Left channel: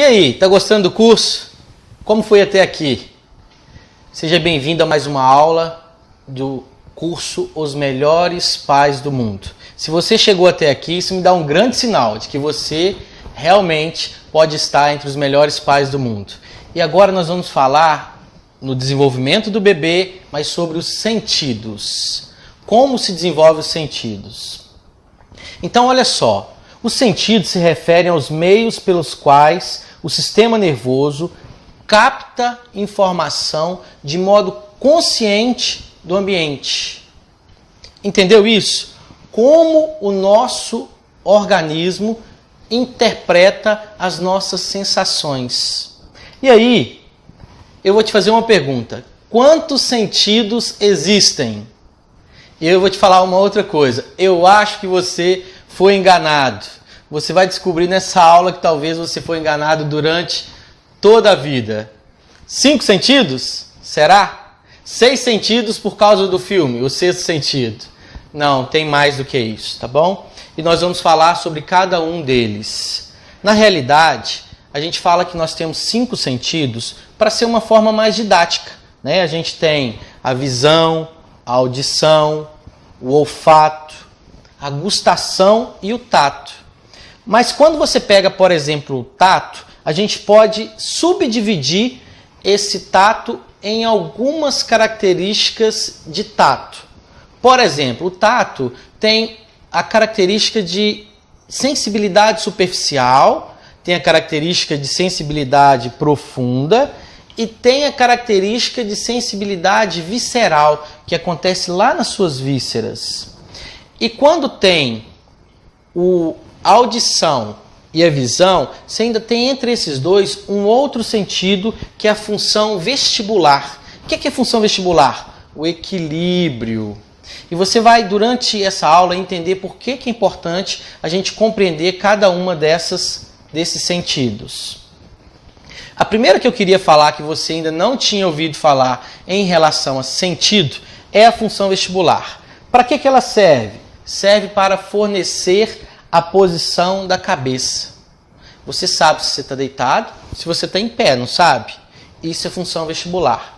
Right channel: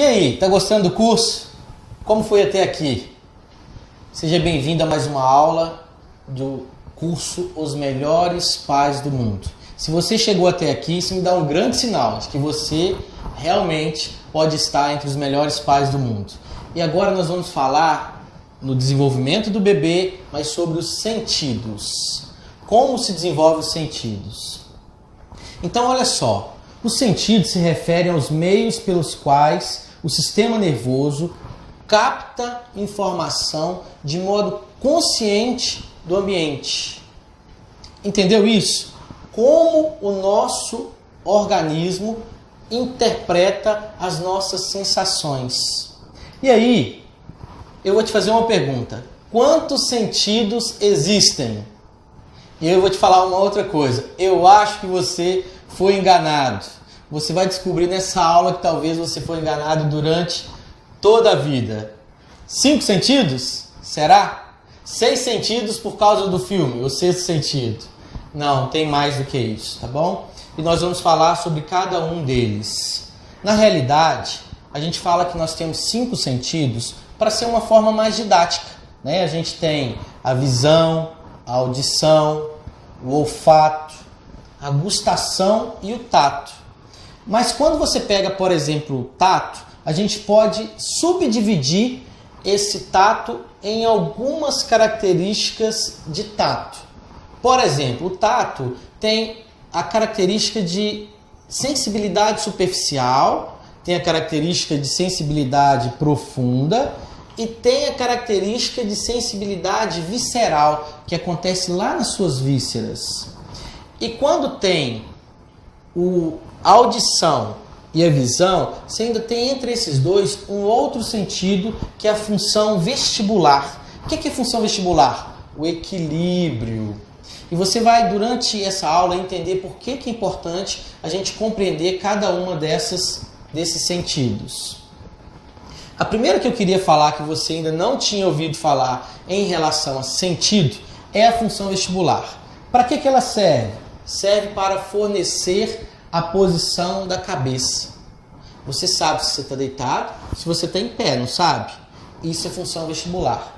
E aí, tá gostando do curso? Como foi até aqui? Seja bem-vindo a mais uma aula do curso Os Melhores Pais do Mundo. Se você chegou até aqui, isso me dá um grande sinal de que você realmente pode estar entre os melhores pais do mundo. E agora nós vamos falar no desenvolvimento do bebê, mas sobre os sentidos. Como se desenvolvem os sentidos? Então, olha só. Os sentidos se referem aos meios pelos quais o sistema nervoso capta informação de modo consciente do ambiente. Entendeu isso? Como o nosso organismo interpreta as nossas sensações. E aí, eu vou te fazer uma pergunta. Quantos sentidos existem? E eu vou te falar uma outra coisa. Eu acho que você foi enganado. Você vai descobrir nessa aula que talvez você foi enganado durante toda a vida. 5 sentidos? Será? 6 sentidos por causa do filme, o sexto sentido. Não, tem mais do que isso, tá bom? E nós vamos falar sobre cada um deles. Na realidade, a gente fala que nós temos 5 sentidos para ser uma forma mais didática, né? A gente tem a visão, a audição, o olfato, a gustação e o tato. Mas quando você pega, por exemplo, o tato, a gente pode subdividir esse tato em algumas características de tato. Por exemplo, o tato tem a característica de sensibilidade superficial, tem a característica de sensibilidade profunda e tem a característica de sensibilidade visceral, que acontece lá nas suas vísceras. E quando tem a audição e a visão, você ainda tem entre esses dois um outro sentido, que é a função vestibular. O que é a função vestibular? O equilíbrio. E você vai, durante essa aula, entender por que é importante a gente compreender cada uma desses sentidos. A primeira que eu queria falar, que você ainda não tinha ouvido falar em relação a sentido, é a função vestibular. Para que ela serve? Serve para fornecer a posição da cabeça. Você sabe se você está deitado, se você está em pé, não sabe? Isso é função vestibular.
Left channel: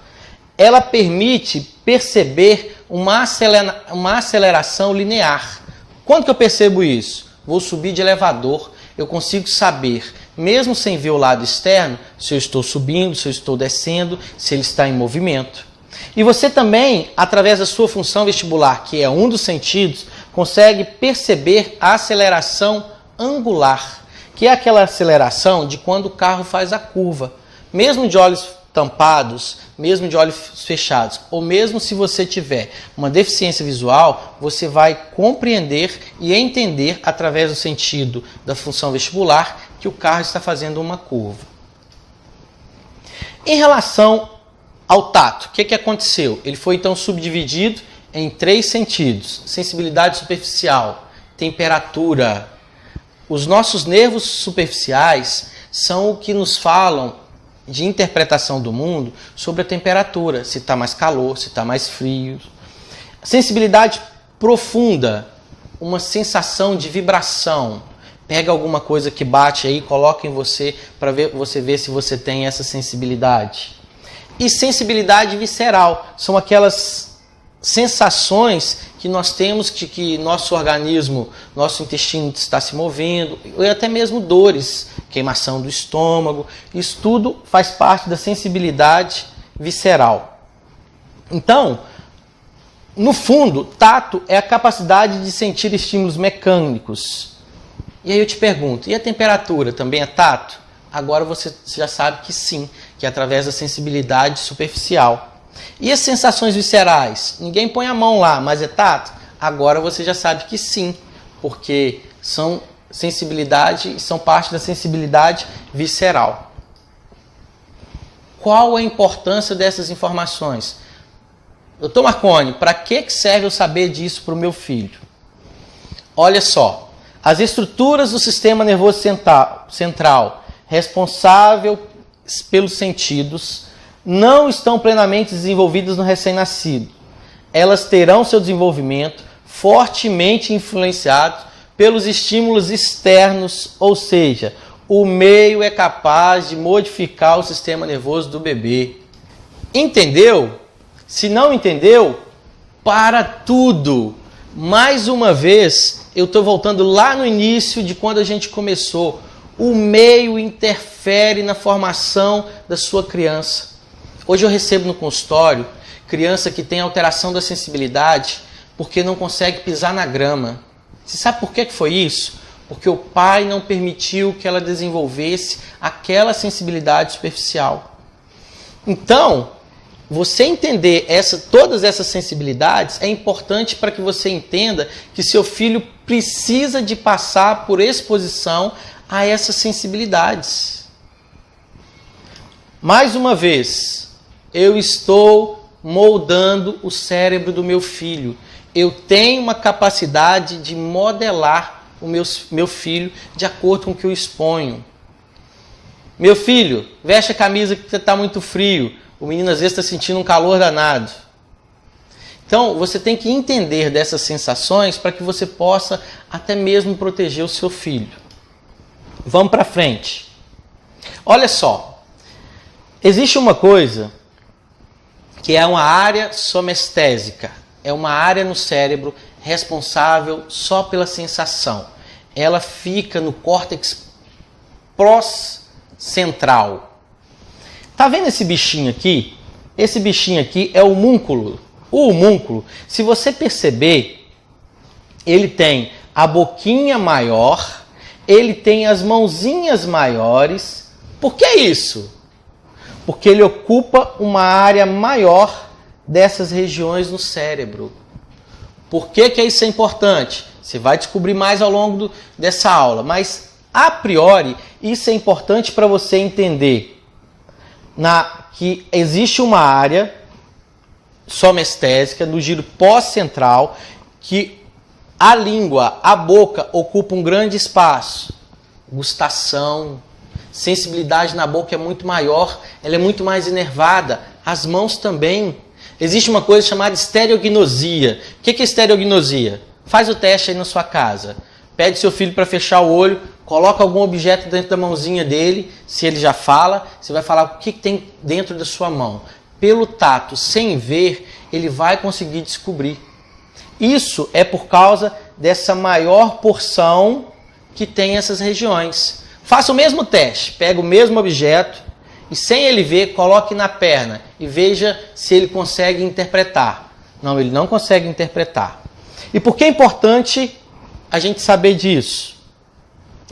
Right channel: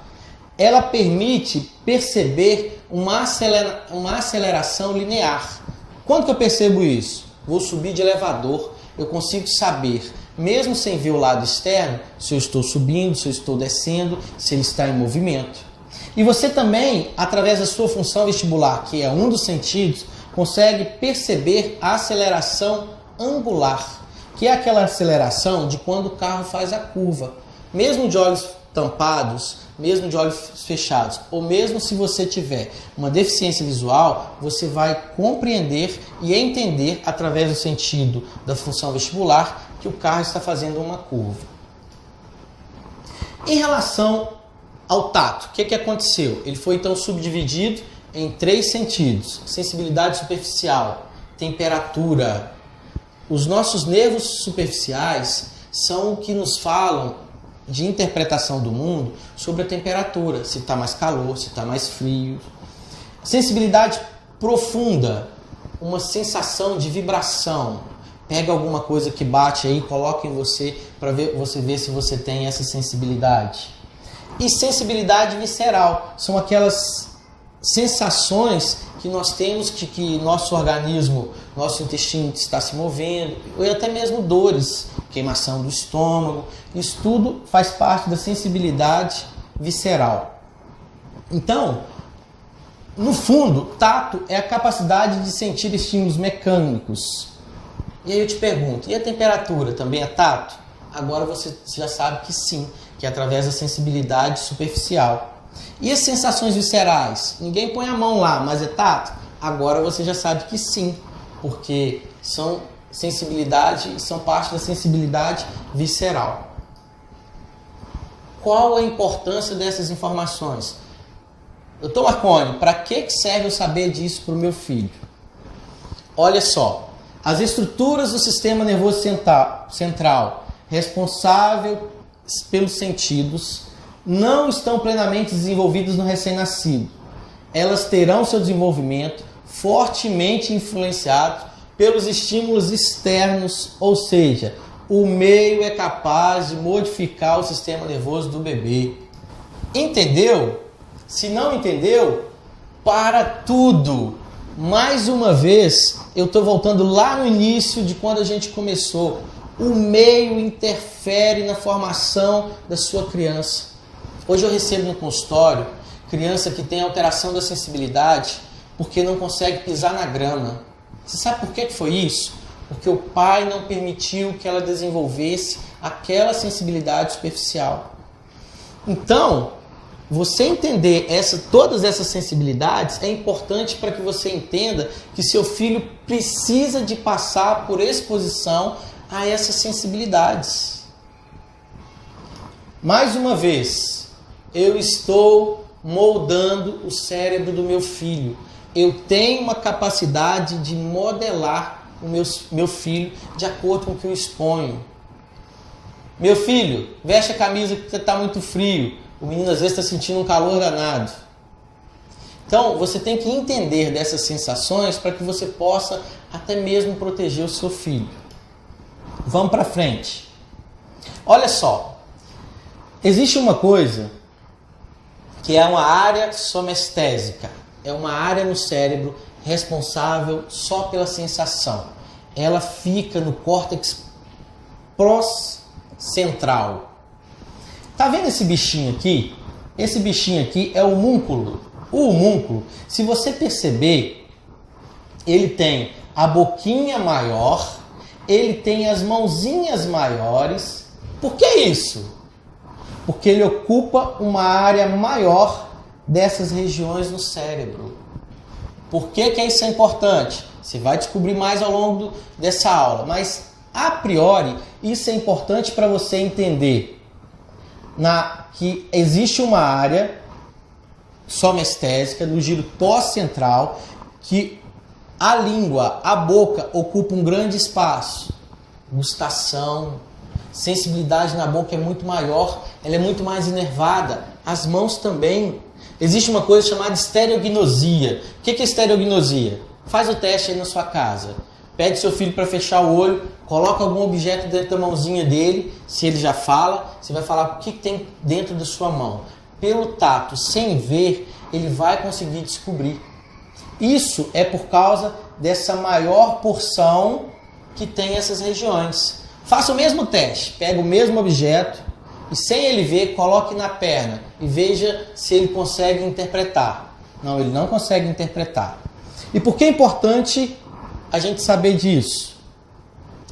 Ela permite perceber uma aceleração linear. Quando que eu percebo isso? Vou subir de elevador, eu consigo saber, mesmo sem ver o lado externo, se eu estou subindo, se eu estou descendo, se ele está em movimento. E você também, através da sua função vestibular, que é um dos sentidos, consegue perceber a aceleração angular, que é aquela aceleração de quando o carro faz a curva. Mesmo de olhos tampados, mesmo de olhos fechados, ou mesmo se você tiver uma deficiência visual, você vai compreender e entender, através do sentido da função vestibular, que o carro está fazendo uma curva. Em relação ao tato, o que aconteceu? Ele foi então subdividido em 3 sentidos: sensibilidade superficial, temperatura. Os nossos nervos superficiais são o que nos falam de interpretação do mundo sobre a temperatura, se está mais calor, se está mais frio. Sensibilidade profunda, uma sensação de vibração. Pega alguma coisa que bate aí, coloca em você para você ver se você tem essa sensibilidade. E sensibilidade visceral, são aquelas sensações que nós temos de que nosso organismo, nosso intestino está se movendo, ou até mesmo dores, queimação do estômago. Isso tudo faz parte da sensibilidade visceral. Então, no fundo, tato é a capacidade de sentir estímulos mecânicos. E aí eu te pergunto, e a temperatura também é tato? Agora você já sabe que sim, que é através da sensibilidade superficial. E as sensações viscerais? Ninguém põe a mão lá, mas é tato? Agora você já sabe que sim, porque são parte da sensibilidade visceral. Qual a importância dessas informações? Doutor Marconi, para que serve eu saber disso para o meu filho? Olha só, as estruturas do sistema nervoso central, responsável pelos sentidos, não estão plenamente desenvolvidas no recém-nascido. Elas terão seu desenvolvimento fortemente influenciado pelos estímulos externos, ou seja, O meio é capaz de modificar o sistema nervoso do bebê. Entendeu? Se não entendeu, para tudo. Mais uma vez, eu estou voltando lá no início de quando a gente começou. O meio interfere na formação da sua criança. Hoje eu recebo no consultório criança que tem alteração da sensibilidade porque não consegue pisar na grama. Você sabe por que foi isso? Porque o pai não permitiu que ela desenvolvesse aquela sensibilidade superficial. Então, você entender todas essas sensibilidades é importante para que você entenda que seu filho precisa de passar por exposição a essas sensibilidades. Mais uma vez, eu estou moldando o cérebro do meu filho. Eu tenho uma capacidade de modelar o meu filho de acordo com o que eu exponho. Meu filho, veste a camisa que está muito frio. O menino às vezes está sentindo um calor danado. Então, você tem que entender dessas sensações para que você possa até mesmo proteger o seu filho. Vamos para frente. Olha só. Existe uma coisa que é uma área somestésica. É uma área no cérebro responsável só pela sensação. Ela fica no córtex pró-central. Tá vendo esse bichinho aqui? Esse bichinho aqui é o homúnculo. O homúnculo, se você perceber, ele tem a boquinha maior, ele tem as mãozinhas maiores. Por que isso? Porque ele ocupa uma área maior dessas regiões no cérebro. Por que isso é importante? Você vai descobrir mais ao longo dessa aula, mas a priori isso é importante para você entender que existe uma área somestésica no giro pós-central que a língua, a boca ocupa um grande espaço. Gustação, sensibilidade na boca é muito maior, ela é muito mais inervada, as mãos também. Existe uma coisa chamada estereognosia. O que é estereognosia? Faz o teste aí na sua casa. Pede seu filho para fechar o olho, coloca algum objeto dentro da mãozinha dele. Se ele já fala, você vai falar o que tem dentro da sua mão. Pelo tato, sem ver, ele vai conseguir descobrir. Isso é por causa dessa maior porção que tem essas regiões. Faça o mesmo teste, pega o mesmo objeto e sem ele ver, coloque na perna e veja se ele consegue interpretar. Não, ele não consegue interpretar. E por que é importante a gente saber disso?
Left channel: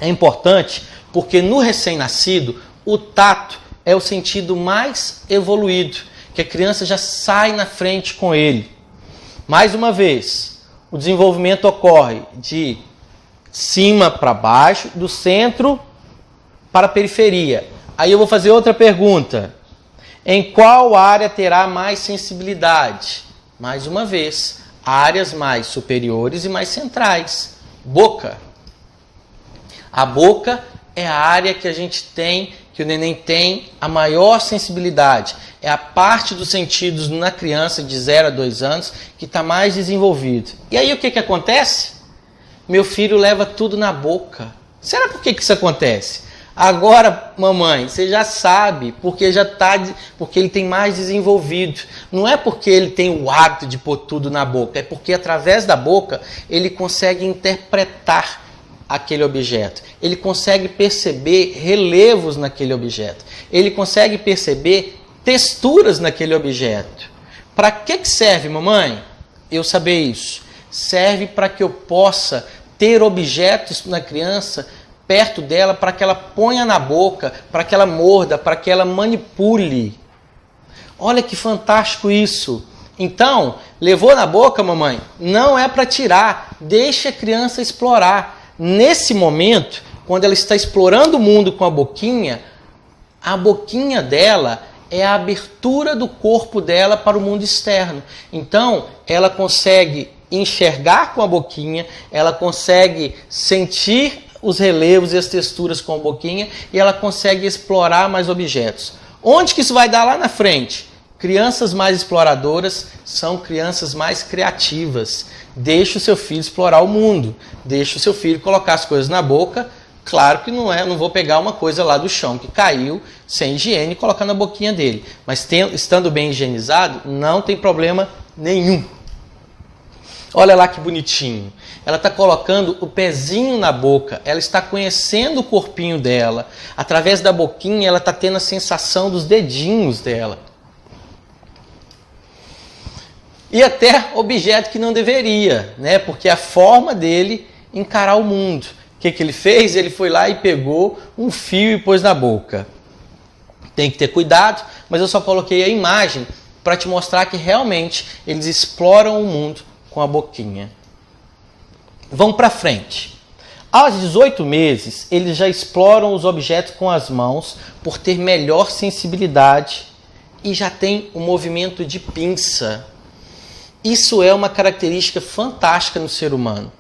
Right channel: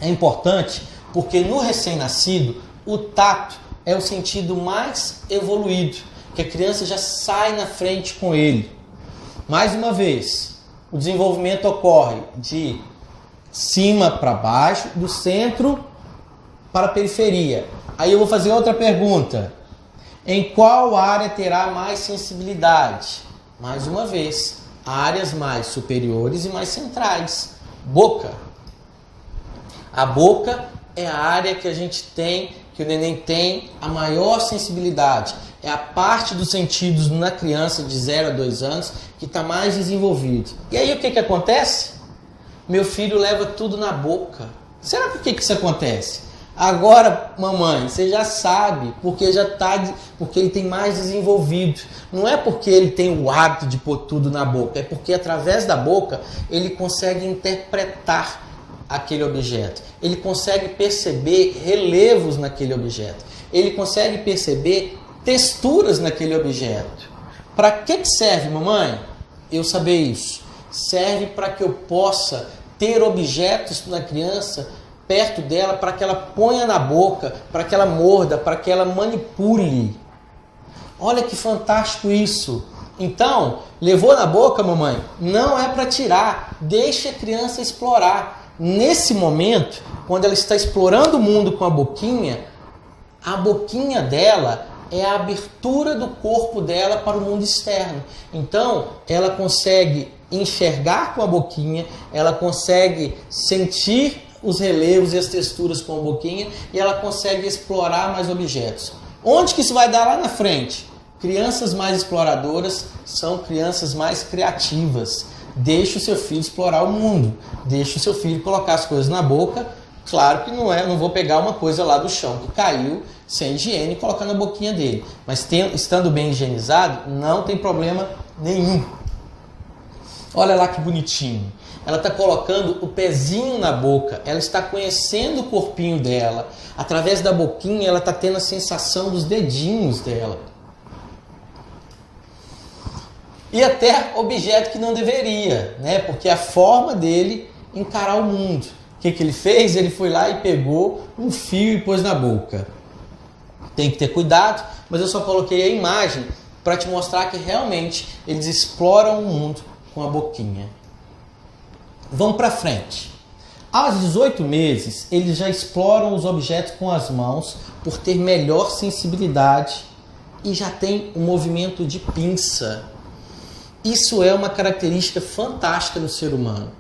É importante porque no recém-nascido, o tato é o sentido mais evoluído, que a criança já sai na frente com ele. Mais uma vez, o desenvolvimento ocorre de cima para baixo, do centro para a periferia. Aí eu vou fazer outra pergunta. Em qual área terá mais sensibilidade? Mais uma vez, áreas mais superiores e mais centrais. Boca. A boca é a área que a gente tem, que o neném tem a maior sensibilidade. É a parte dos sentidos na criança de 0 a 2 anos que está mais desenvolvido. E aí o que acontece? Meu filho leva tudo na boca. Será por que isso acontece? Agora, mamãe, você já sabe, porque ele tem mais desenvolvido. Não é porque ele tem o hábito de pôr tudo na boca, é porque através da boca ele consegue interpretar aquele objeto. Ele consegue perceber relevos naquele objeto. Ele consegue perceber texturas naquele objeto. Para que serve, mamãe? Eu saber isso. Serve para que eu possa ter objetos na criança perto dela, para que ela ponha na boca, para que ela morda, para que ela manipule. Olha que fantástico isso. Então, levou na boca, mamãe? Não é para tirar, deixa a criança explorar. Nesse momento, quando ela está explorando o mundo com a boquinha dela é a abertura do corpo dela para o mundo externo. Então, ela consegue enxergar com a boquinha, ela consegue sentir os relevos e as texturas com a boquinha e ela consegue explorar mais objetos. Onde que isso vai dar lá na frente? Crianças mais exploradoras são crianças mais criativas. Deixe o seu filho explorar o mundo. Deixe o seu filho colocar as coisas na boca Claro que não é, não vou pegar uma coisa lá do chão que caiu sem higiene e colocar na boquinha dele. Mas estando bem higienizado, não tem problema nenhum. Olha lá que bonitinho. Ela está colocando o pezinho na boca, ela está conhecendo o corpinho dela. Através da boquinha, ela está tendo a sensação dos dedinhos dela. E até objeto que não deveria, né? Porque a forma dele encarar o mundo. O que ele fez? Ele foi lá e pegou um fio e pôs na boca. Tem que ter cuidado, mas eu só coloquei a imagem para te mostrar que realmente eles exploram o mundo com a boquinha. Vamos para frente. Aos 18 meses, eles já exploram os objetos com as mãos por ter melhor sensibilidade e já tem o movimento de pinça. Isso é uma característica fantástica no ser humano.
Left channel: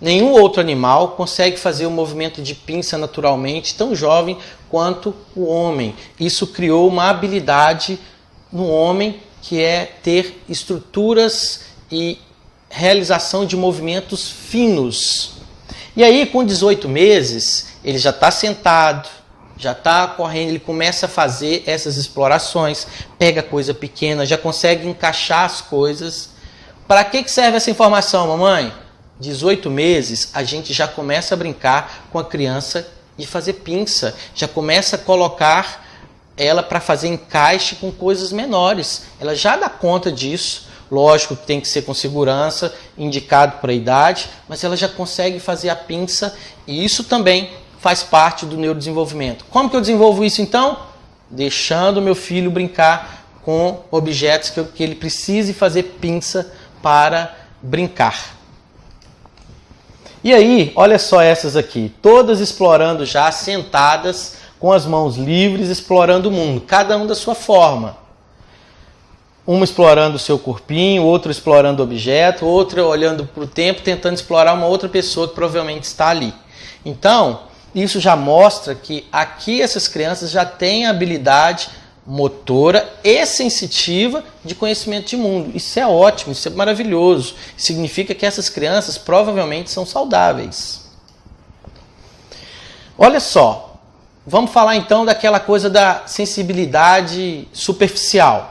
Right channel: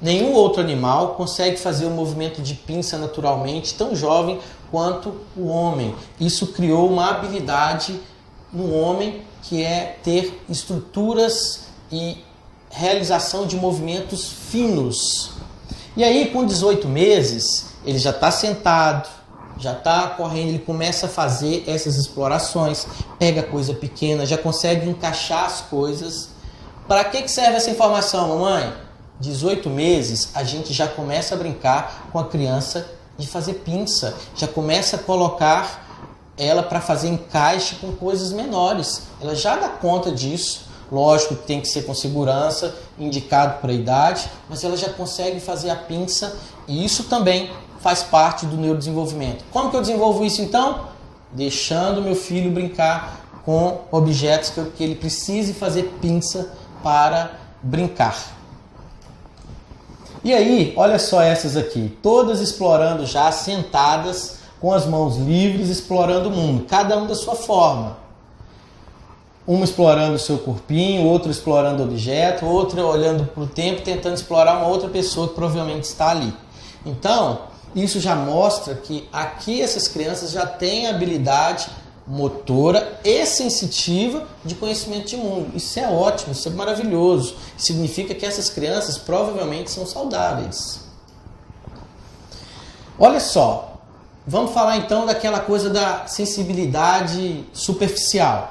Nenhum outro animal consegue fazer o movimento de pinça naturalmente tão jovem quanto o homem. Isso criou uma habilidade no homem que é ter estruturas e realização de movimentos finos. E aí, com 18 meses, ele já está sentado, já está correndo, ele começa a fazer essas explorações, pega coisa pequena, já consegue encaixar as coisas. Para que serve essa informação, mamãe? 18 meses, a gente já começa a brincar com a criança e fazer pinça, já começa a colocar ela para fazer encaixe com coisas menores. Ela já dá conta disso. Lógico que tem que ser com segurança, indicado para a idade, mas ela já consegue fazer a pinça e isso também faz parte do neurodesenvolvimento. Como que eu desenvolvo isso então? Deixando o meu filho brincar com objetos que ele precise fazer pinça para brincar. E aí, olha só essas aqui, todas explorando já, sentadas, com as mãos livres, explorando o mundo, cada um da sua forma. Uma explorando o seu corpinho, outro explorando o objeto, outra olhando para o tempo, tentando explorar uma outra pessoa que provavelmente está ali. Então, isso já mostra que aqui essas crianças já têm a habilidade motora e sensitiva de conhecimento de mundo. Isso é ótimo, isso é maravilhoso. Significa que essas crianças provavelmente são saudáveis. Olha só, vamos falar então daquela coisa da sensibilidade superficial.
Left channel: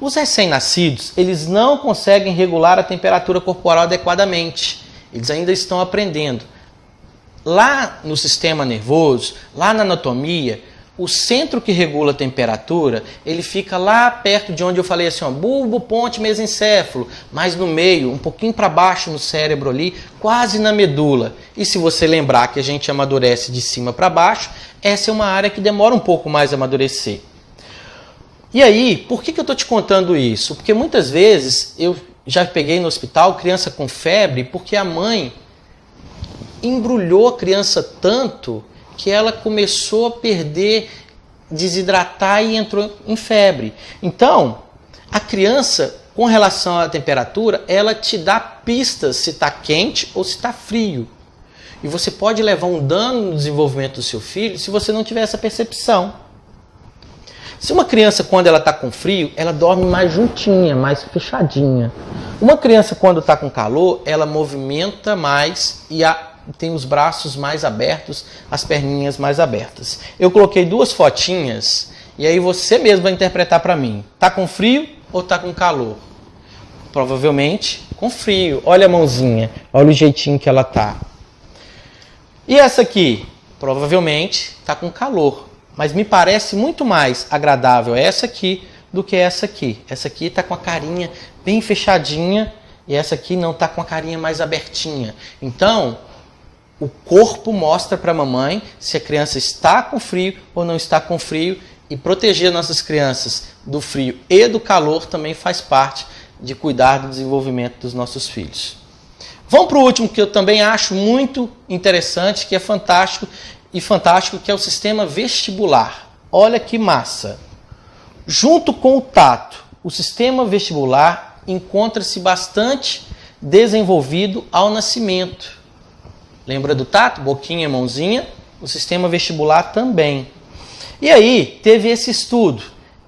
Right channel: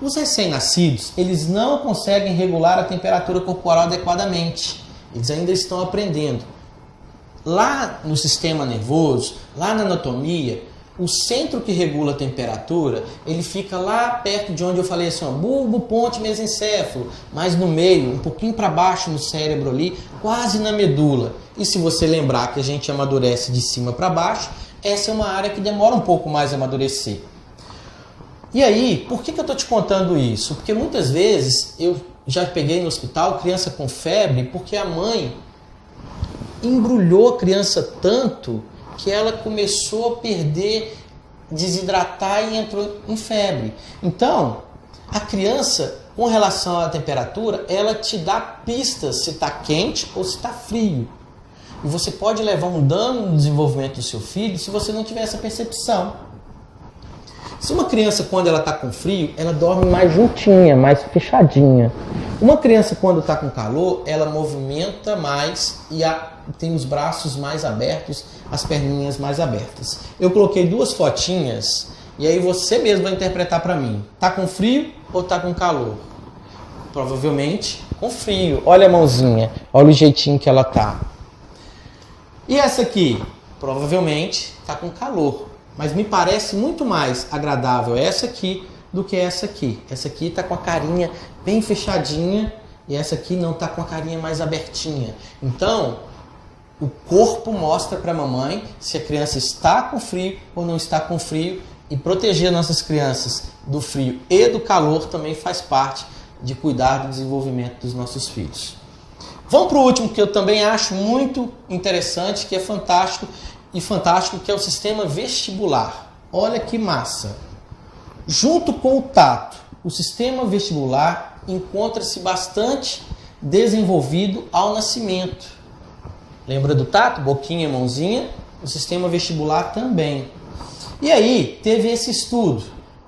Os recém-nascidos, eles não conseguem regular a temperatura corporal adequadamente. Eles ainda estão aprendendo. Lá no sistema nervoso, lá na anatomia, o centro que regula a temperatura, ele fica lá perto de onde eu falei assim, ó, bulbo, ponte, mesencéfalo, mas no meio, um pouquinho para baixo no cérebro ali, quase na medula. E se você lembrar que a gente amadurece de cima para baixo, essa é uma área que demora um pouco mais a amadurecer. E aí, por que eu estou te contando isso? Porque muitas vezes eu já peguei no hospital criança com febre porque a mãe embrulhou a criança tanto que ela começou a perder, desidratar e entrou em febre. Então, a criança, com relação à temperatura, ela te dá pistas se está quente ou se está frio. E você pode levar um dano no desenvolvimento do seu filho se você não tiver essa percepção. Se uma criança, quando ela está com frio, ela dorme mais juntinha, mais fechadinha. Uma criança, quando está com calor, ela movimenta mais e tem os braços mais abertos, as perninhas mais abertas. Eu coloquei duas fotinhas e aí você mesmo vai interpretar para mim. Está com frio ou está com calor? Provavelmente com frio. Olha a mãozinha, olha o jeitinho que ela está. E essa aqui? Provavelmente está com calor. Mas me parece muito mais agradável essa aqui do que essa aqui. Essa aqui está com a carinha bem fechadinha e essa aqui não está com a carinha mais abertinha. Então, o corpo mostra para a mamãe se a criança está com frio ou não está com frio, e proteger nossas crianças do frio e do calor também faz parte de cuidar do desenvolvimento dos nossos filhos. Vamos para o último, que eu também acho muito interessante, que é fantástico, que é o sistema vestibular. Olha que massa! Junto com o tato, o sistema vestibular encontra-se bastante desenvolvido ao nascimento. Lembra do tato? Boquinha, mãozinha. O sistema vestibular também. E aí, teve esse estudo.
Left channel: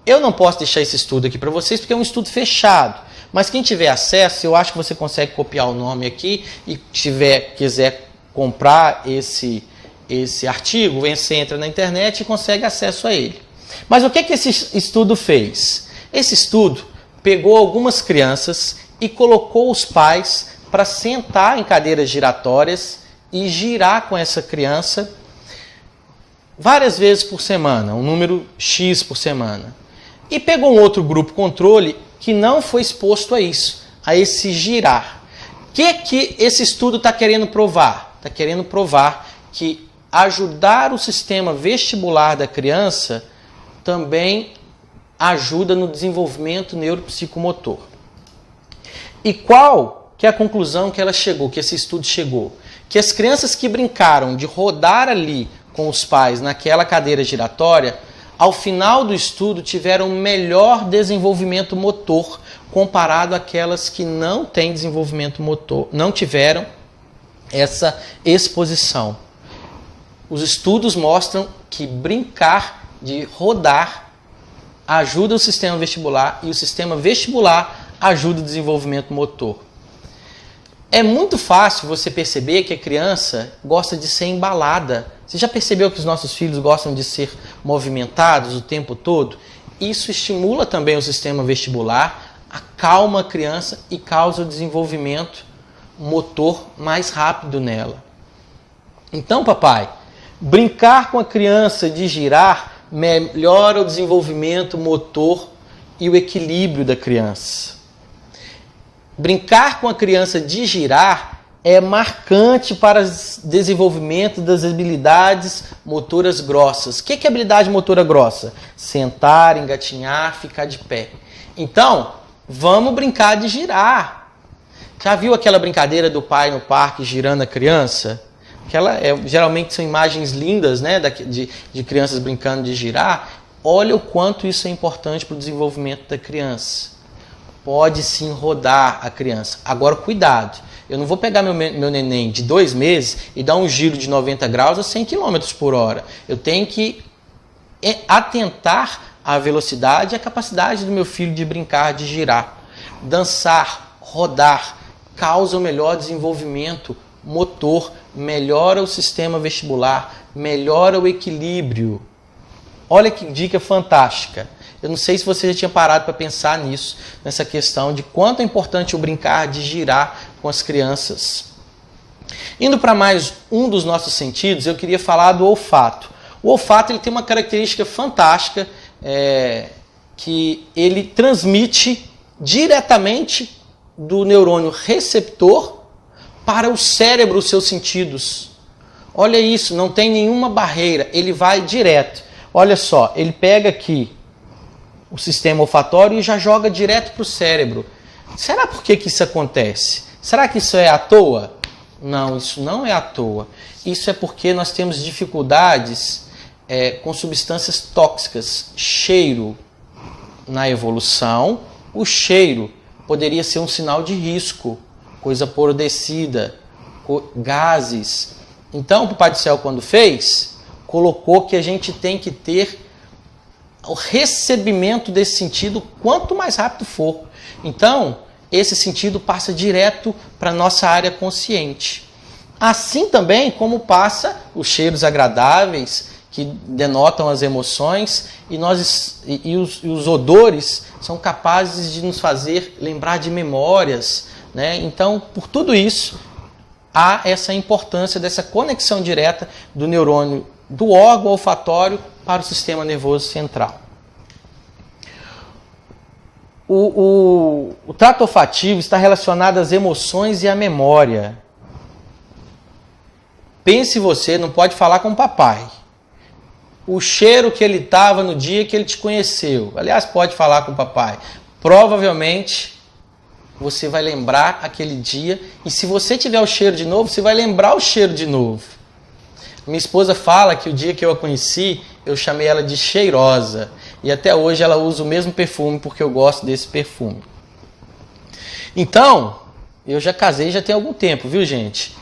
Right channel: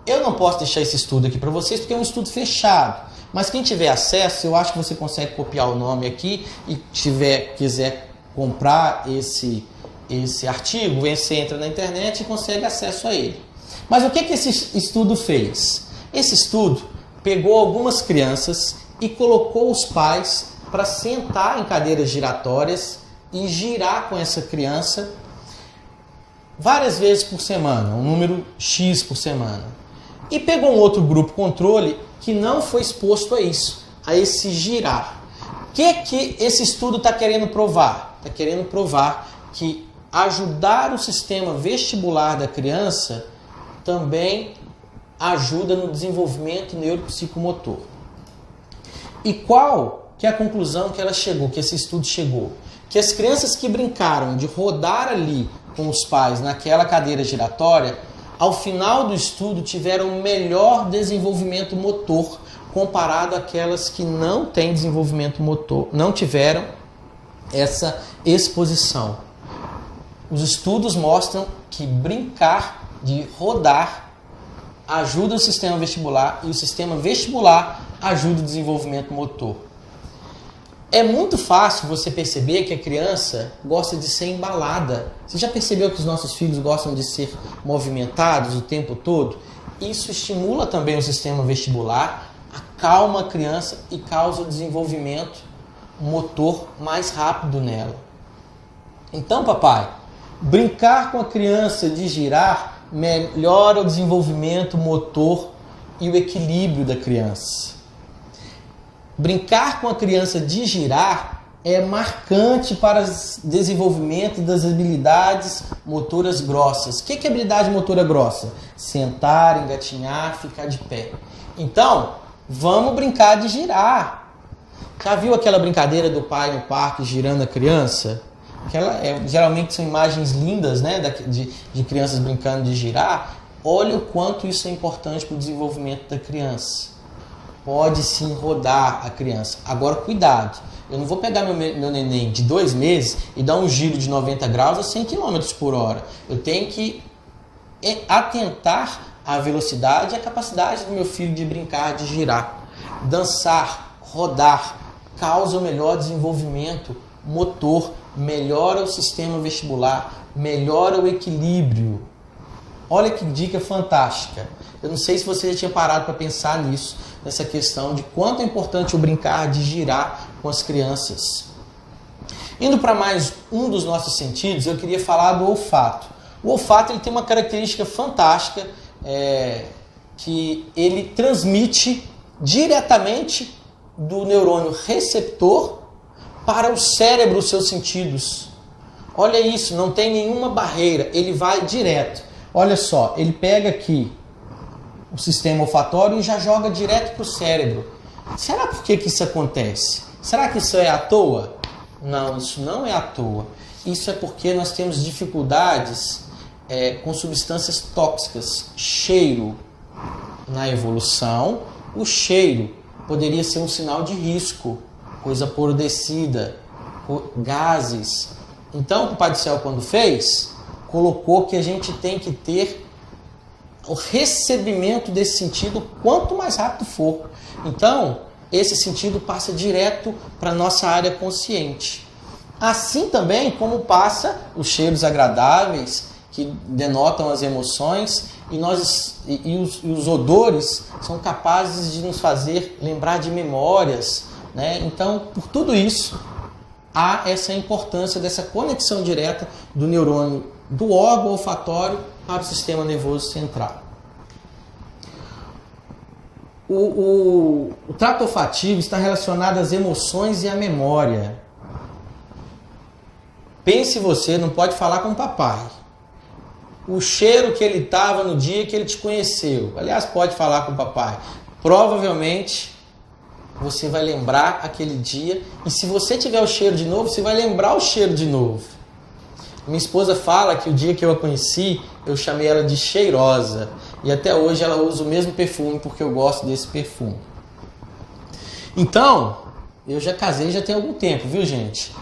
Eu não posso deixar esse estudo aqui para vocês porque é um estudo fechado. Mas quem tiver acesso, eu acho que você consegue copiar o nome aqui e quiser comprar esse esse artigo, você entra na internet e consegue acesso a ele. Mas o que esse estudo fez? Esse estudo pegou algumas crianças e colocou os pais para sentar em cadeiras giratórias e girar com essa criança várias vezes por semana, um número X por semana. E pegou um outro grupo controle que não foi exposto a isso, a esse girar. O que esse estudo está querendo provar? Está querendo provar que ajudar o sistema vestibular da criança também ajuda no desenvolvimento neuropsicomotor. E qual que é a conclusão que ela chegou, que esse estudo chegou? Que as crianças que brincaram de rodar ali com os pais naquela cadeira giratória, ao final do estudo tiveram melhor desenvolvimento motor comparado àquelas que não têm desenvolvimento motor, não tiveram essa exposição. Os estudos mostram que brincar de rodar ajuda o sistema vestibular e o sistema vestibular ajuda o desenvolvimento motor. É muito fácil você perceber que a criança gosta de ser embalada. Você já percebeu que os nossos filhos gostam de ser movimentados o tempo todo? Isso estimula também o sistema vestibular, acalma a criança e causa o desenvolvimento motor mais rápido nela. Então, papai, brincar com a criança de girar melhora o desenvolvimento motor e o equilíbrio da criança. Brincar com a criança de girar é marcante para o desenvolvimento das habilidades motoras grossas. O que é habilidade motora grossa? Sentar, engatinhar, ficar de pé. Então, vamos brincar de girar. Já viu aquela brincadeira do pai no parque girando a criança? Geralmente são imagens lindas, né, de crianças brincando de girar. Olha o quanto isso é importante para o desenvolvimento da criança. Pode sim rodar a criança. Agora, cuidado. Eu não vou pegar meu neném de 2 meses e dar um giro de 90 graus a 100 km por hora. Eu tenho que atentar à velocidade e à capacidade do meu filho de brincar, de girar. Dançar, rodar, causa o melhor desenvolvimento motor, melhora o sistema vestibular, melhora o equilíbrio. Olha que dica fantástica. Eu não sei se você já tinha parado para pensar nisso, nessa questão de quanto é importante o brincar de girar com as crianças. Indo para mais um dos nossos sentidos, eu queria falar do olfato. O olfato ele tem uma característica fantástica, que ele transmite diretamente do neurônio receptor para o cérebro os seus sentidos. Olha isso, não tem nenhuma barreira, ele vai direto. Olha só, ele pega aqui o sistema olfatório e já joga direto para o cérebro. Será por que isso acontece? Será que isso é à toa? Não, isso não é à toa. Isso é porque nós temos dificuldades com substâncias tóxicas. Cheiro. Na evolução, o cheiro poderia ser um sinal de risco, coisa apodrecida, gases. Então, o Papai do Céu, quando fez, colocou que a gente tem que ter o recebimento desse sentido quanto mais rápido for. Então, esse sentido passa direto para a nossa área consciente. Assim também como passa os cheiros agradáveis, que denotam as emoções, e os odores são capazes de nos fazer lembrar de memórias, né? Então, por tudo isso, há essa importância dessa conexão direta do neurônio do órgão olfatório para o sistema nervoso central. O trato olfativo está relacionado às emoções e à memória. Pense você, não pode falar com o papai. O cheiro que ele estava no dia que ele te conheceu. Aliás, pode falar com o papai. Provavelmente você vai lembrar aquele dia. E se você tiver o cheiro de novo, você vai lembrar o cheiro de novo. Minha esposa fala que o dia que eu a conheci, eu chamei ela de cheirosa. E até hoje ela usa o mesmo perfume porque eu gosto desse perfume. Então, eu já casei já tem algum tempo, viu, gente?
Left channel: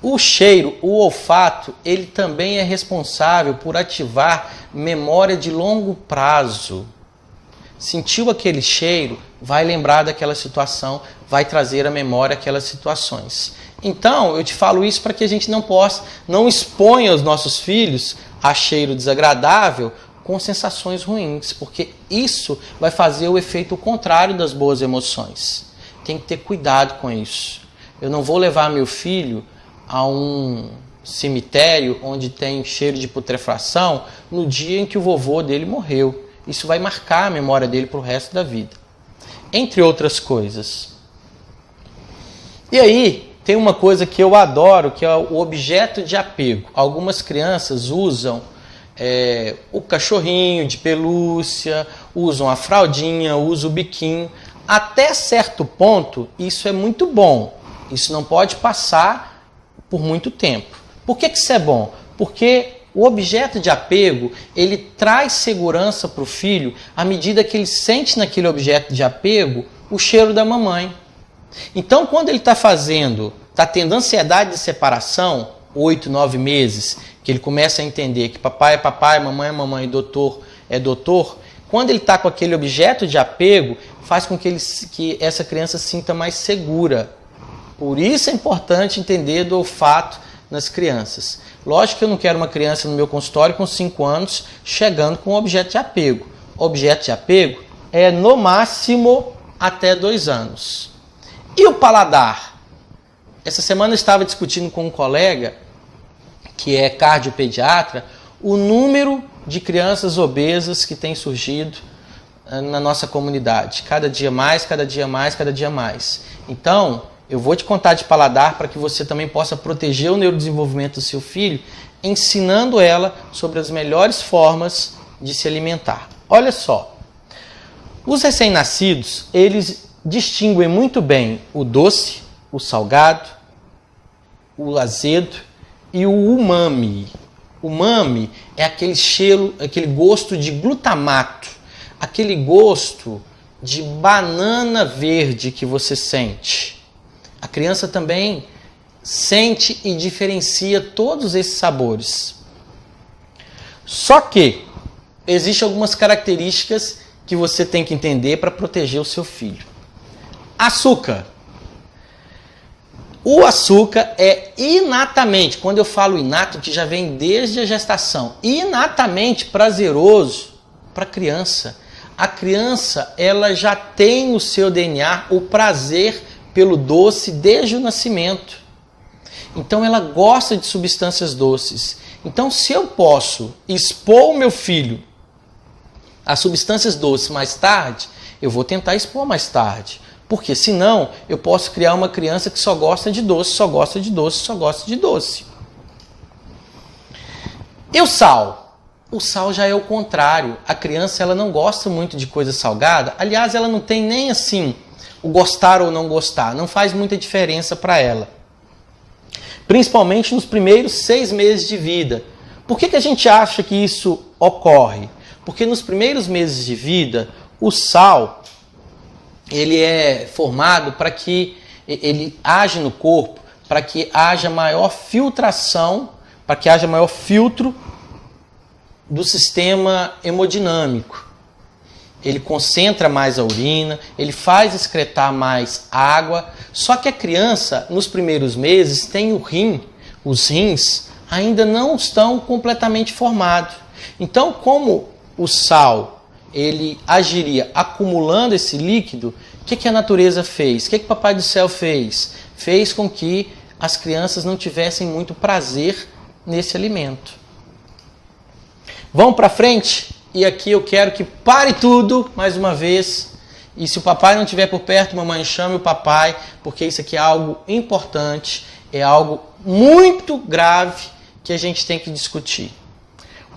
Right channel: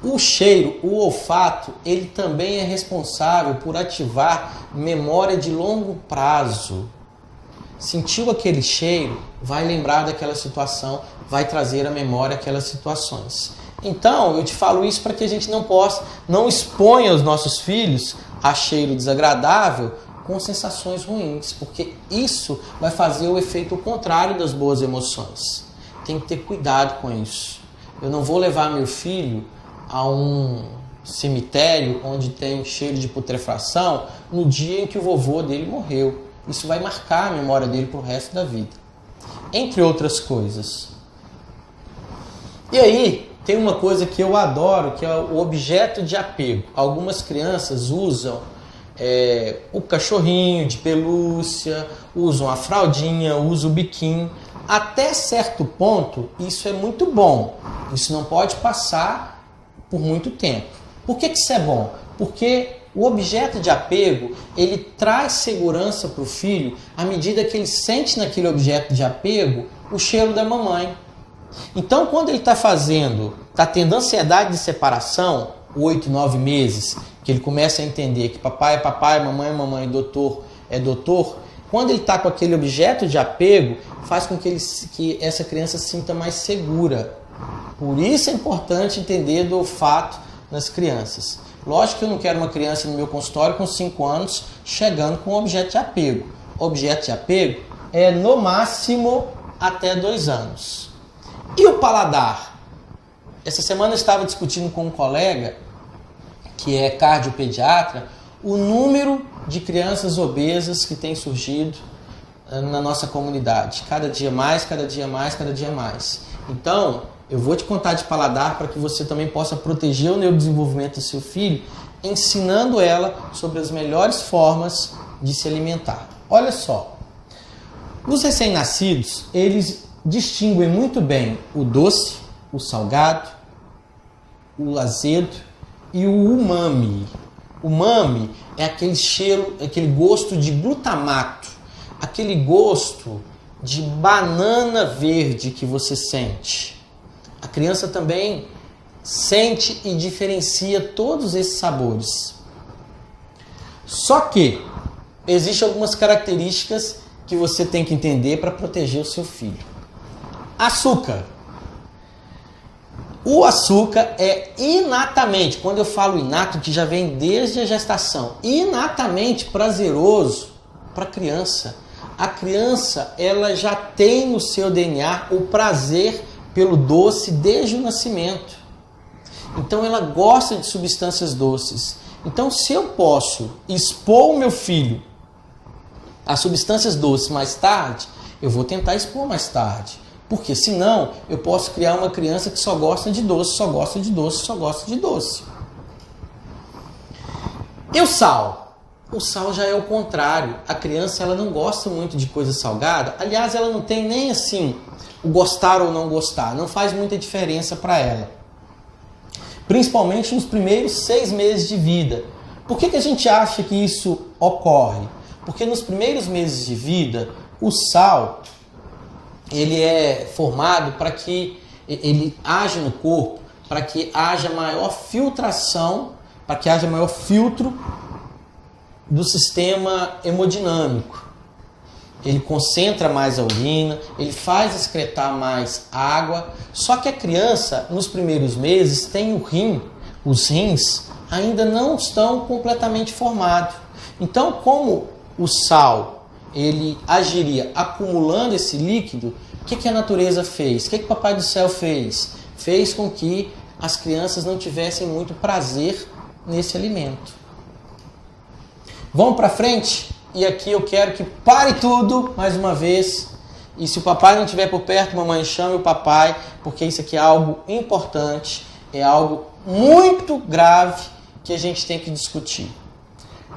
O cheiro, o olfato, ele também é responsável por ativar memória de longo prazo. Sentiu aquele cheiro, vai lembrar daquela situação, vai trazer à memória aquelas situações. Então, eu te falo isso para que a gente não exponha os nossos filhos a cheiro desagradável com sensações ruins, porque isso vai fazer o efeito contrário das boas emoções. Tem que ter cuidado com isso. Eu não vou levar meu filho a um cemitério onde tem cheiro de putrefação no dia em que o vovô dele morreu. Isso vai marcar a memória dele para o resto da vida. Entre outras coisas. E aí, tem uma coisa que eu adoro, que é o objeto de apego. Algumas crianças usam o cachorrinho de pelúcia, usam a fraldinha, usam o biquinho. Até certo ponto, isso é muito bom. Isso não pode passar por muito tempo. Por que isso é bom? Porque o objeto de apego, ele traz segurança para o filho à medida que ele sente naquele objeto de apego o cheiro da mamãe. Então, quando ele está tendo ansiedade de separação, 8, 9 meses, que ele começa a entender que papai é papai, mamãe é mamãe, doutor é doutor, quando ele está com aquele objeto de apego, faz com que essa criança se sinta mais segura. Por isso é importante entender do olfato nas crianças. Lógico que eu não quero uma criança no meu consultório com 5 anos chegando com objeto de apego. Objeto de apego é no máximo até 2 anos. E o paladar? Essa semana eu estava discutindo com um colega, que é cardiopediatra, o número de crianças obesas que tem surgido na nossa comunidade. Cada dia mais, cada dia mais, cada dia mais. Então, eu vou te contar de paladar para que você também possa proteger o neurodesenvolvimento do seu filho, ensinando ela sobre as melhores formas de se alimentar. Olha só, os recém-nascidos, eles distinguem muito bem o doce, o salgado, o azedo e o umami. O umami é aquele cheiro, aquele gosto de glutamato, aquele gosto de banana verde que você sente. A criança também sente e diferencia todos esses sabores. Só que existem algumas características que você tem que entender para proteger o seu filho. Açúcar. O açúcar é inatamente, quando eu falo inato, que já vem desde a gestação, inatamente prazeroso para a criança. A criança, ela já tem o seu DNA, o prazer pelo doce desde o nascimento. Então ela gosta de substâncias doces. Então se eu posso expor o meu filho a substâncias doces mais tarde, eu vou tentar expor mais tarde. Porque senão eu posso criar uma criança que só gosta de doce, só gosta de doce, só gosta de doce. E o sal? O sal já é o contrário. A criança ela não gosta muito de coisa salgada. Aliás, ela não tem nem assim o gostar ou não gostar, não faz muita diferença para ela. Principalmente nos primeiros 6 meses de vida. Por que a gente acha que isso ocorre? Porque nos primeiros meses de vida, o sal ele é formado para que ele age no corpo, para que haja maior filtração, para que haja maior filtro do sistema hemodinâmico. Ele concentra mais a urina, ele faz excretar mais água. Só que a criança, nos primeiros meses, tem os rins ainda não estão completamente formados. Então, como o sal ele agiria acumulando esse líquido, o que a natureza fez? O que o Papai do Céu fez? Fez com que as crianças não tivessem muito prazer nesse alimento. Vamos para frente? E aqui eu quero que pare tudo, mais uma vez. E se o papai não estiver por perto, mamãe, chame o papai, porque isso aqui é algo importante, é algo muito grave que a gente tem que discutir.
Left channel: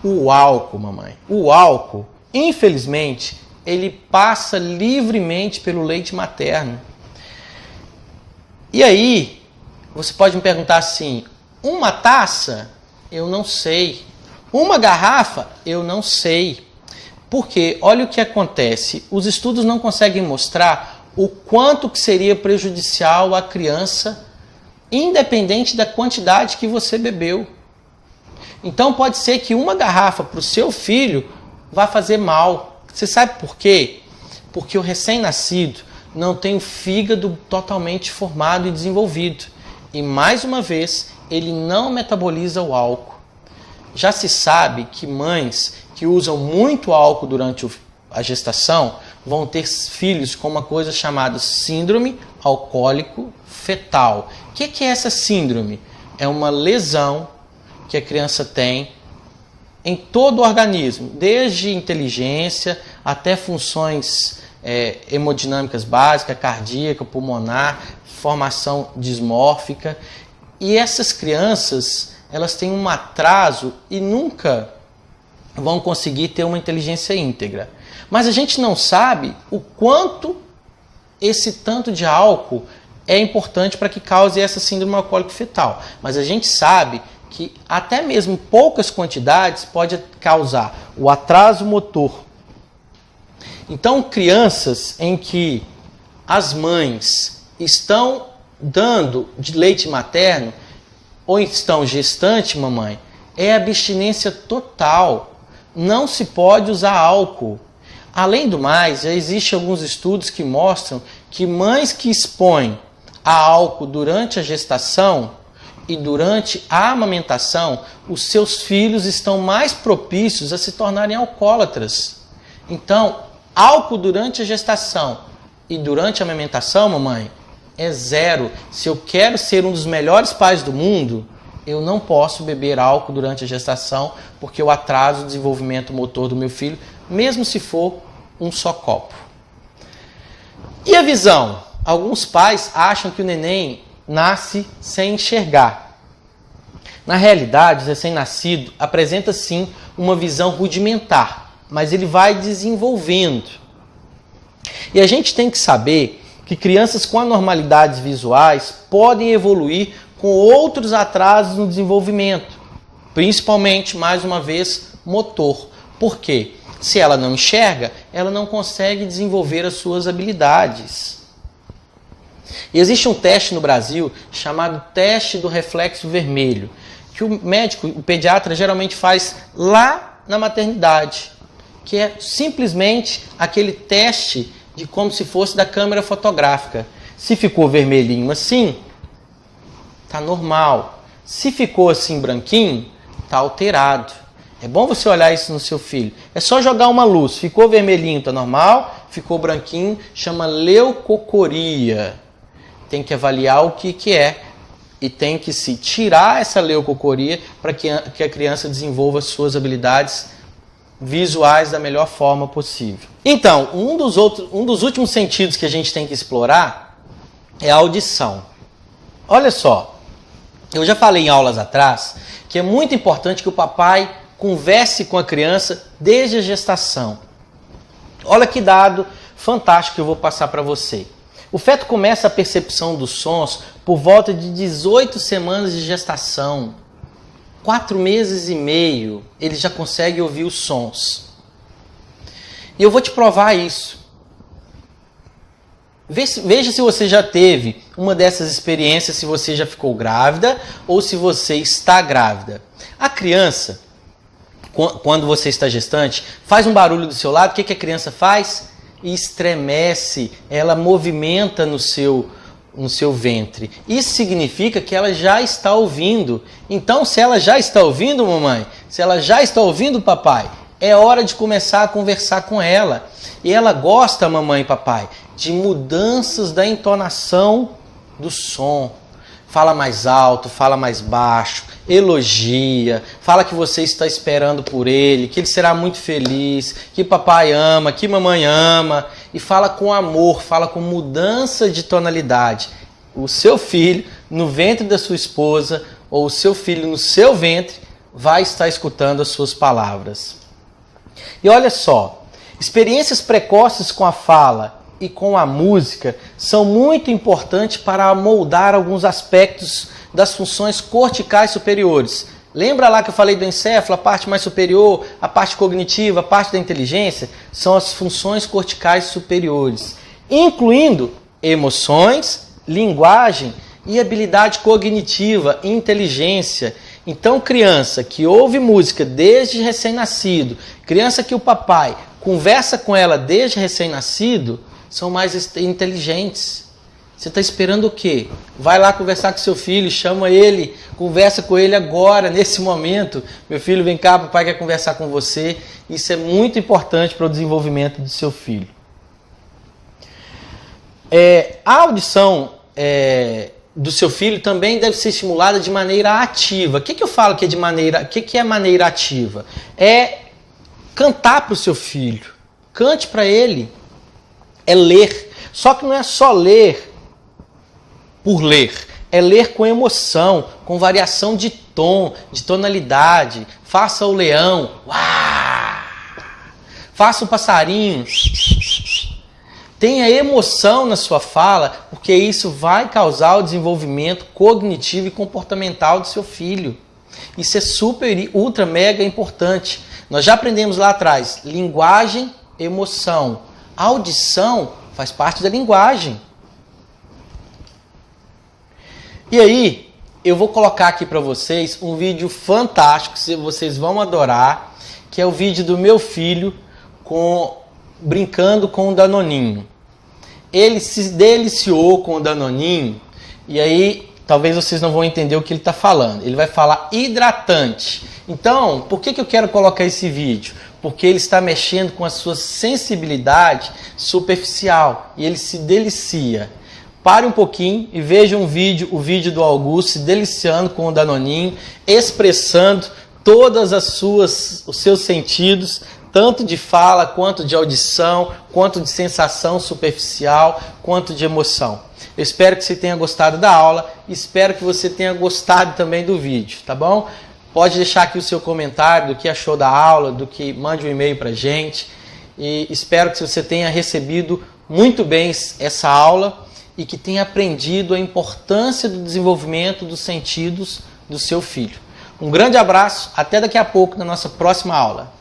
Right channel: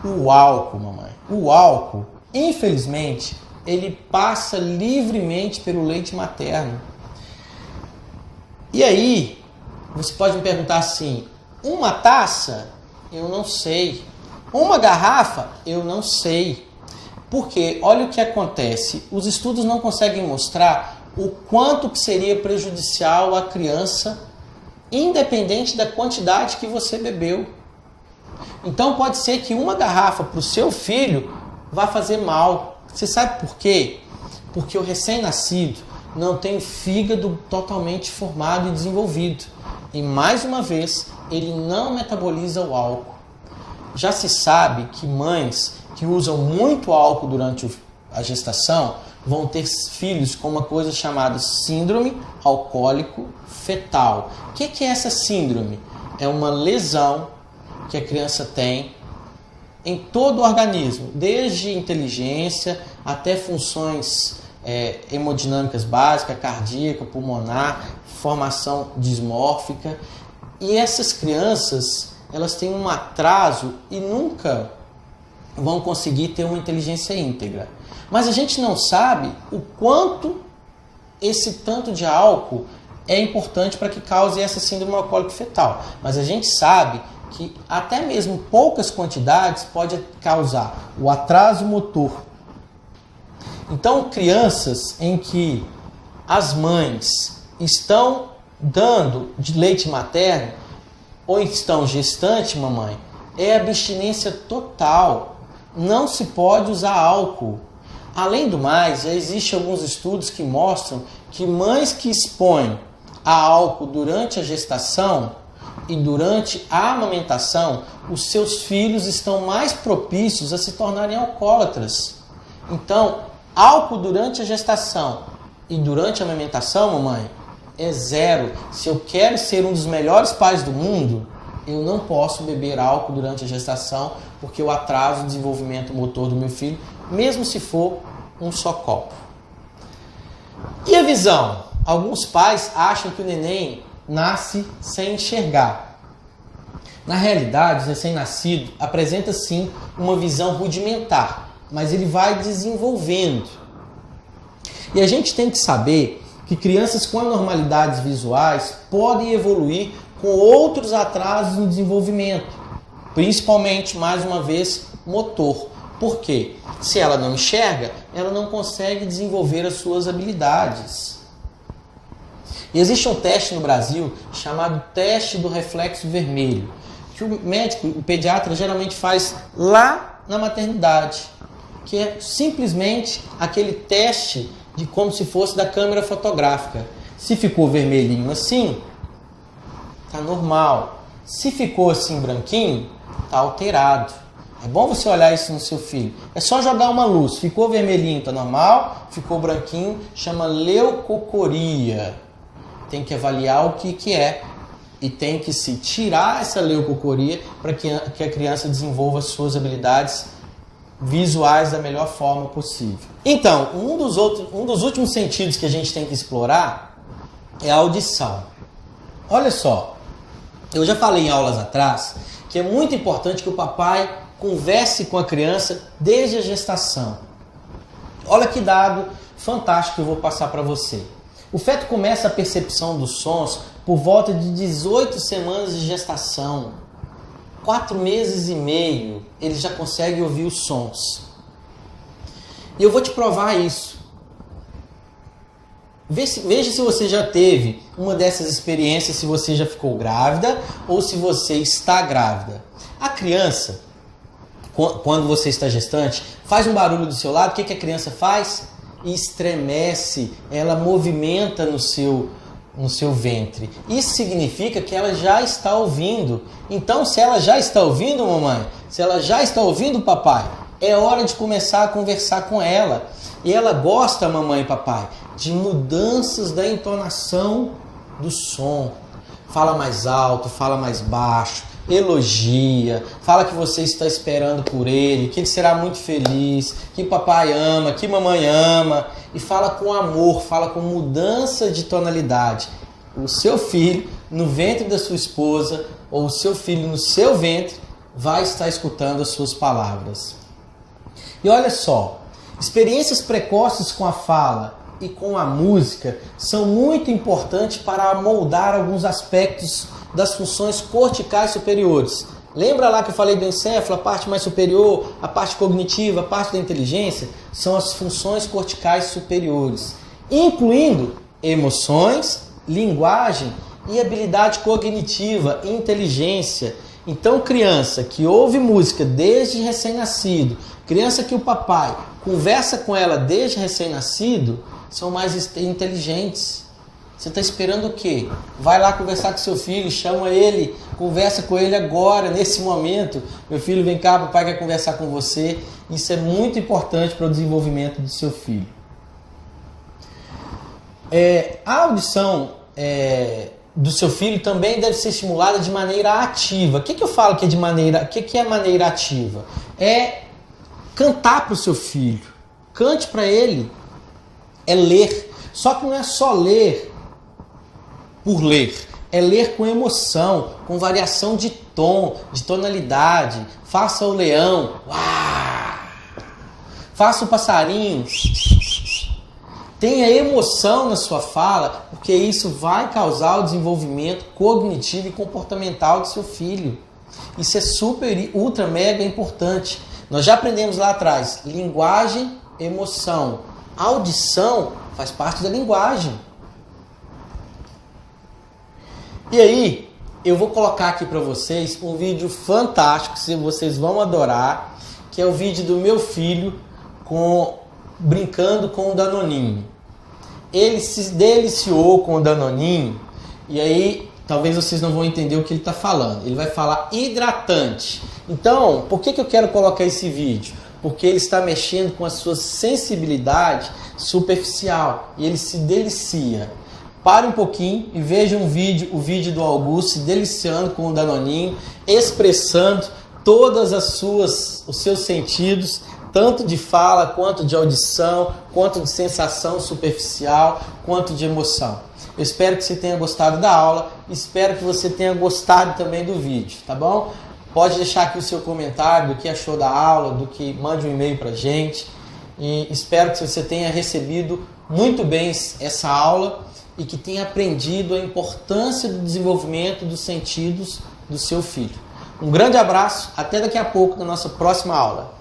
O álcool, mamãe. O álcool, infelizmente, ele passa livremente pelo leite materno. E aí, você pode me perguntar assim, uma taça? Eu não sei. Uma garrafa? Eu não sei. Porque olha o que acontece, os estudos não conseguem mostrar o quanto que seria prejudicial à criança, independente da quantidade que você bebeu. Então pode ser que uma garrafa para o seu filho vá fazer mal. Você sabe por quê? Porque o recém-nascido não tem o fígado totalmente formado e desenvolvido. E mais uma vez, ele não metaboliza o álcool. Já se sabe que mães que usam muito álcool durante a gestação vão ter filhos com uma coisa chamada síndrome alcoólico fetal. O que é essa síndrome? É uma lesão que a criança tem em todo o organismo, desde inteligência até funções hemodinâmicas básicas, cardíaca, pulmonar, formação dismórfica. E essas crianças, elas têm um atraso e nunca vão conseguir ter uma inteligência íntegra. Mas a gente não sabe o quanto esse tanto de álcool é importante para que cause essa síndrome alcoólica fetal. Mas a gente sabe que até mesmo poucas quantidades pode causar o atraso motor. Então, crianças em que as mães estão dando de leite materno ou estão gestante, mamãe, é abstinência total. Não se pode usar álcool. Além do mais, já existem alguns estudos que mostram que mães que expõem a álcool durante a gestação e durante a amamentação, os seus filhos estão mais propícios a se tornarem alcoólatras. Então, álcool durante a gestação e durante a amamentação, mamãe, é zero. Se eu quero ser um dos melhores pais do mundo, eu não posso beber álcool durante a gestação, porque eu atraso o desenvolvimento motor do meu filho, mesmo se for um só copo. E a visão? Alguns pais acham que o neném nasce sem enxergar. Na realidade, o recém-nascido apresenta sim uma visão rudimentar, mas ele vai desenvolvendo. E a gente tem que saber que crianças com anormalidades visuais podem evoluir com outros atrasos no desenvolvimento, principalmente, mais uma vez, motor. Por quê? Se ela não enxerga, ela não consegue desenvolver as suas habilidades. E existe um teste no Brasil chamado teste do reflexo vermelho, que o médico, o pediatra, geralmente faz lá na maternidade, que é simplesmente aquele teste de como se fosse da câmera fotográfica. Se ficou vermelhinho assim, tá normal. Se ficou assim branquinho, tá alterado. É bom você olhar isso no seu filho. É só jogar uma luz. Ficou vermelhinho, tá normal. Ficou branquinho, chama leucocoria. Tem que avaliar o que é. E tem que se tirar essa leucocoria para que a criança desenvolva as suas habilidades visuais da melhor forma possível. Então, um dos últimos sentidos que a gente tem que explorar é a audição. Olha só, eu já falei em aulas atrás que é muito importante que o papai converse com a criança desde a gestação. Olha que dado fantástico que eu vou passar para você. O feto começa a percepção dos sons por volta de 18 semanas de gestação. 4 meses e meio, ele já consegue ouvir os sons. E eu vou te provar isso. Veja se você já teve uma dessas experiências, se você já ficou grávida ou se você está grávida. A criança, quando você está gestante, faz um barulho do seu lado, o que a criança faz? Estremece, ela movimenta no seu ventre. Isso significa que ela já está ouvindo. Então, se ela já está ouvindo, mamãe, se ela já está ouvindo, papai, é hora de começar a conversar com ela. E ela gosta, mamãe e papai, de mudanças da entonação do som. Fala mais alto, fala mais baixo, elogia, fala que você está esperando por ele, que ele será muito feliz, que papai ama, que mamãe ama, e fala com amor, fala com mudança de tonalidade. O seu filho no ventre da sua esposa ou o seu filho no seu ventre vai estar escutando as suas palavras. E olha só, experiências precoces com a fala e com a música são muito importantes para moldar alguns aspectos das funções corticais superiores. Lembra lá que eu falei do encéfalo, a parte mais superior, a parte cognitiva, a parte da inteligência? São as funções corticais superiores, incluindo emoções, linguagem e habilidade cognitiva, inteligência. Então, criança que ouve música desde recém-nascido, criança que o papai conversa com ela desde recém-nascido, são mais inteligentes. Você está esperando o quê? vai lá conversar com seu filho, chama ele, conversa com ele agora, nesse momento. Meu filho, vem cá, papai quer conversar com você. Isso é muito importante para o desenvolvimento do seu filho. A audição do seu filho também deve ser estimulada de maneira ativa. O que eu falo que é de maneira... O que é maneira ativa? É cantar para o seu filho. Cante para ele. É ler. Só que não é só ler por ler. É ler com emoção, com variação de tom, de tonalidade. Faça o leão. Uau! Faça o passarinho. Tenha emoção na sua fala, porque isso vai causar o desenvolvimento cognitivo e comportamental do seu filho. Isso é super, ultra, mega importante. Nós já aprendemos lá atrás, linguagem, emoção. Audição faz parte da linguagem. E aí, eu vou colocar aqui para vocês um vídeo fantástico, que vocês vão adorar, que é o vídeo do meu filho brincando com o Danoninho. Ele se deliciou com o Danoninho, e aí talvez vocês não vão entender o que ele está falando. Ele vai falar hidratante. Então, por que eu quero colocar esse vídeo? Porque ele está mexendo com a sua sensibilidade superficial e ele se delicia. Pare um pouquinho e veja o vídeo do Augusto se deliciando com o Danoninho, expressando todas os seus sentidos, tanto de fala, quanto de audição, quanto de sensação superficial, quanto de emoção. Eu espero que você tenha gostado da aula, espero que você tenha gostado também do vídeo, tá bom? Pode deixar aqui o seu comentário do que achou da aula, mande um e-mail pra gente. E espero que você tenha recebido muito bem essa aula e que tenha aprendido a importância do desenvolvimento dos sentidos do seu filho. Um grande abraço, até daqui a pouco na nossa próxima aula.